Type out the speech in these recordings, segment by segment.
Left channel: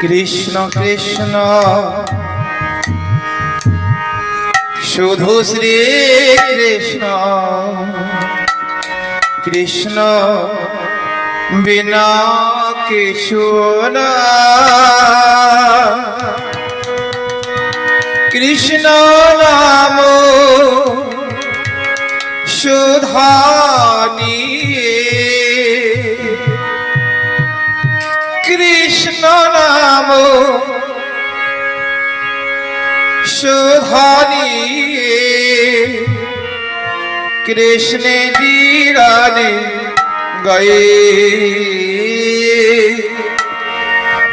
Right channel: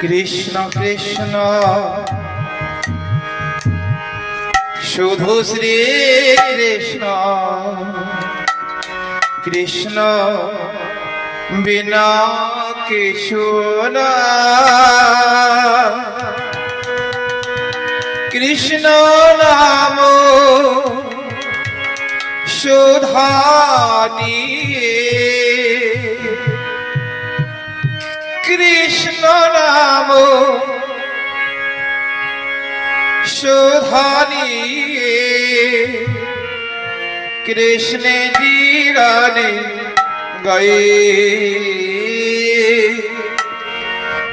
কৃষ্ণ কৃষ্ণ। শুধু শ্রী কৃষ্ণ। কৃষ্ণ বিনা না। কৃষ্ণ নাম সুধানি কৃষ্ণ গানে গয়ে।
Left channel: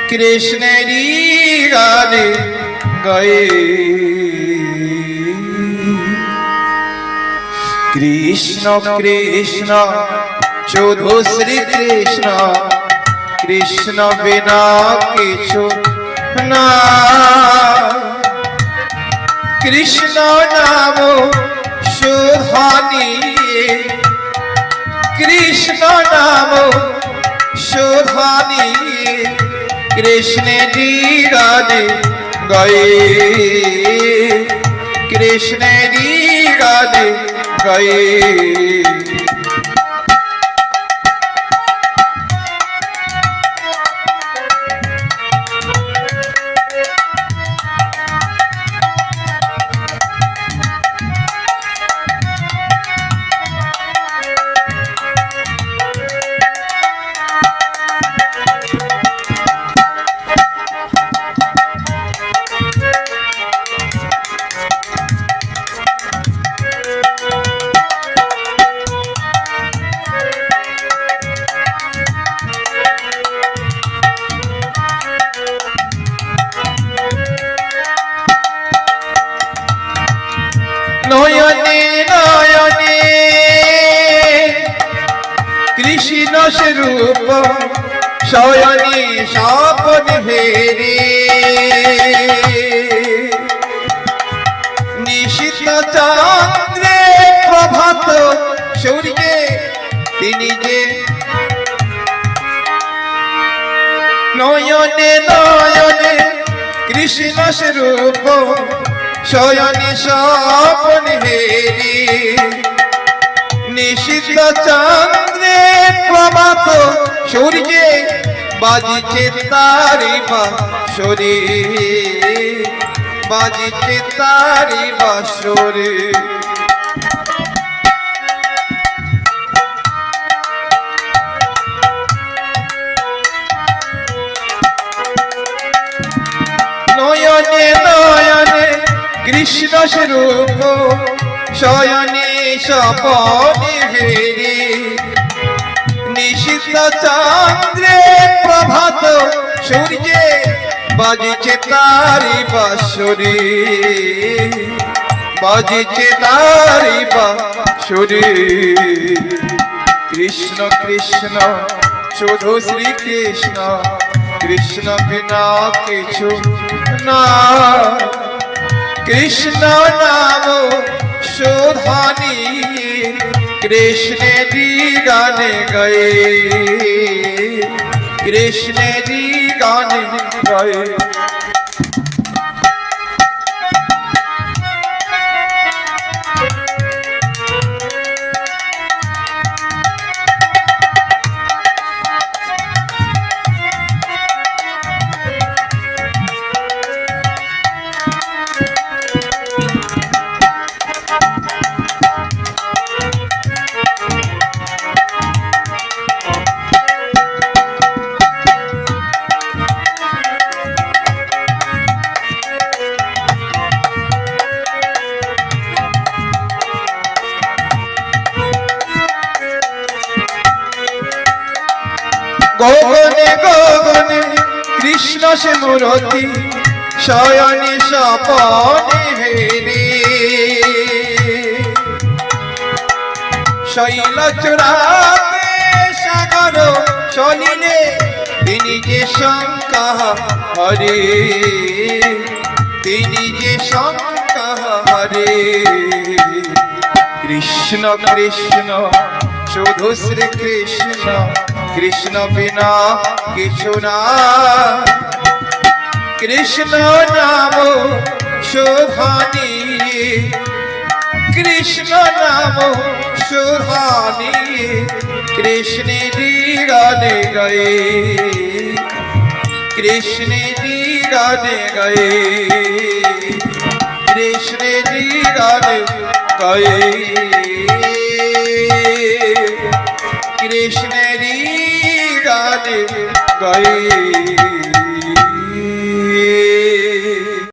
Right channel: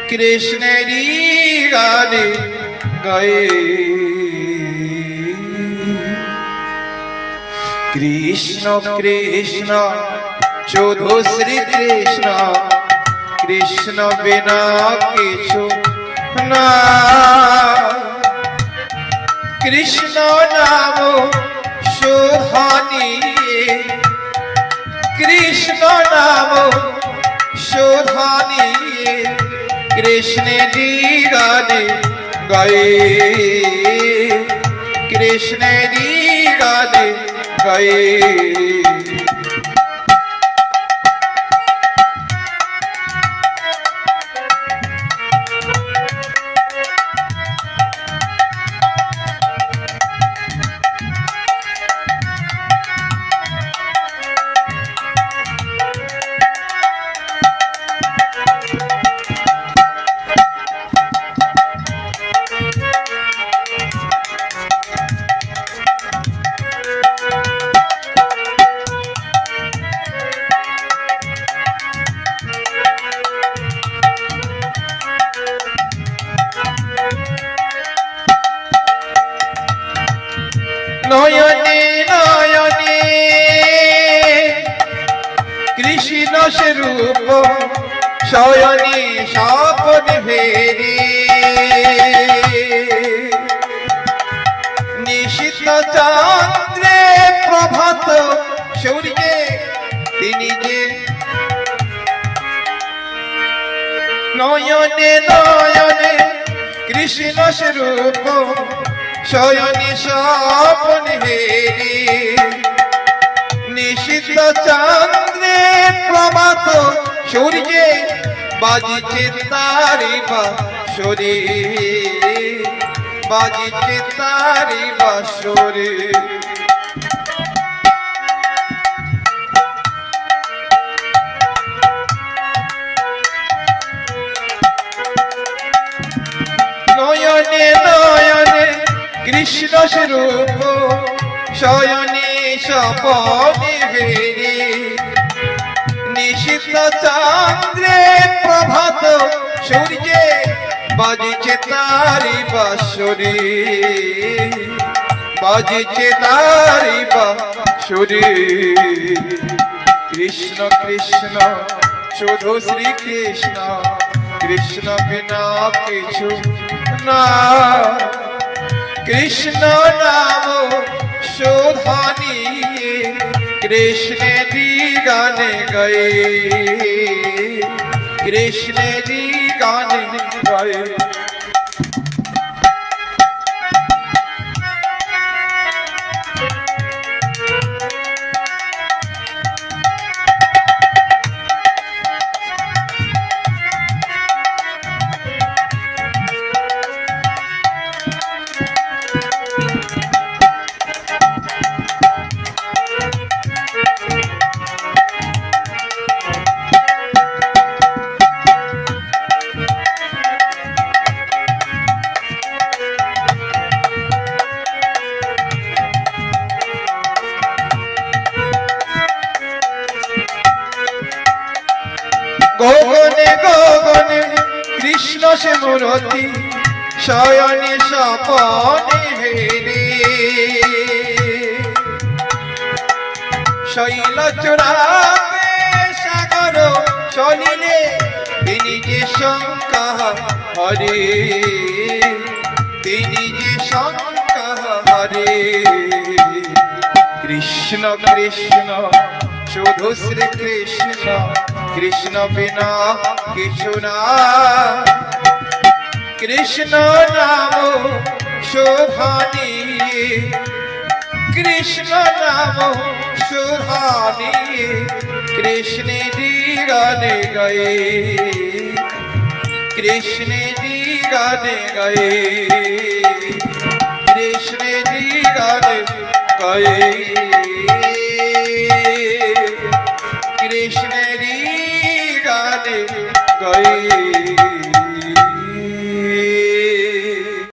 কৃষ্ণ গানে গয়ে। কৃষ্ণ কৃষ্ণ শুধু শ্রী কৃষ্ণ কৃষ্ণ বিনা কিছু না কৃষ্ণ নাম সুধানি কৃষ্ণ নাম সুধানি কৃষ্ণ গানে গয়ে। কৃষ্ণ গানে গয়ে। নয়নে নয়নে। কৃষ্ণ স্বরূপ, শয়নে স্বপন ভেরে। নিশিত চন্দ্রে প্রভাত সূর্যে তিনি যে নয়নে নয়নে কৃষ্ণ স্বরূপ শয়নে স্বপন হেরি। নিশিত চন্দ্রে প্রভাত সূর্যে বাজিছে তারি বাসরে বাজিছে তারি বাসরে কৃষ্ণ স্বরূপ শয়নে সপনে হেরে। নিশিত চন্দ্রে প্রভাত সূর্যে বাজিছে তারি বাসুরি। বাজিছে তারি বাসুরি। কৃষ্ণ কৃষ্ণ, শুধু শ্রী কৃষ্ণ কৃষ্ণ বিনা কিছু না। কৃষ্ণ নাম সুধানি কৃষ্ণ গানে গয়ে। কৃষ্ণ গানে গয়ে। গগনে গগনে কৃষ্ণ সে মূরতি, শয়নে সপনে হেরে। শৈল চূড়াতে সাগর সলিলে তিনি যে শঙ্কা হরে। তিনি যে শঙ্কা হরে। কৃষ্ণ কৃষ্ণ শুধু শ্রী কৃষ্ণ কৃষ্ণ বিনা কিছু না। কৃষ্ণ নাম শোভানি কৃষ্ণ নাম শোভানি কৃষ্ণেরি গানে গায়ে। কৃষ্ণেরি গানে গায়ে। কৃষ্ণেরি গানে গায়ে। কৃষ্ণেরি গানে গায়ে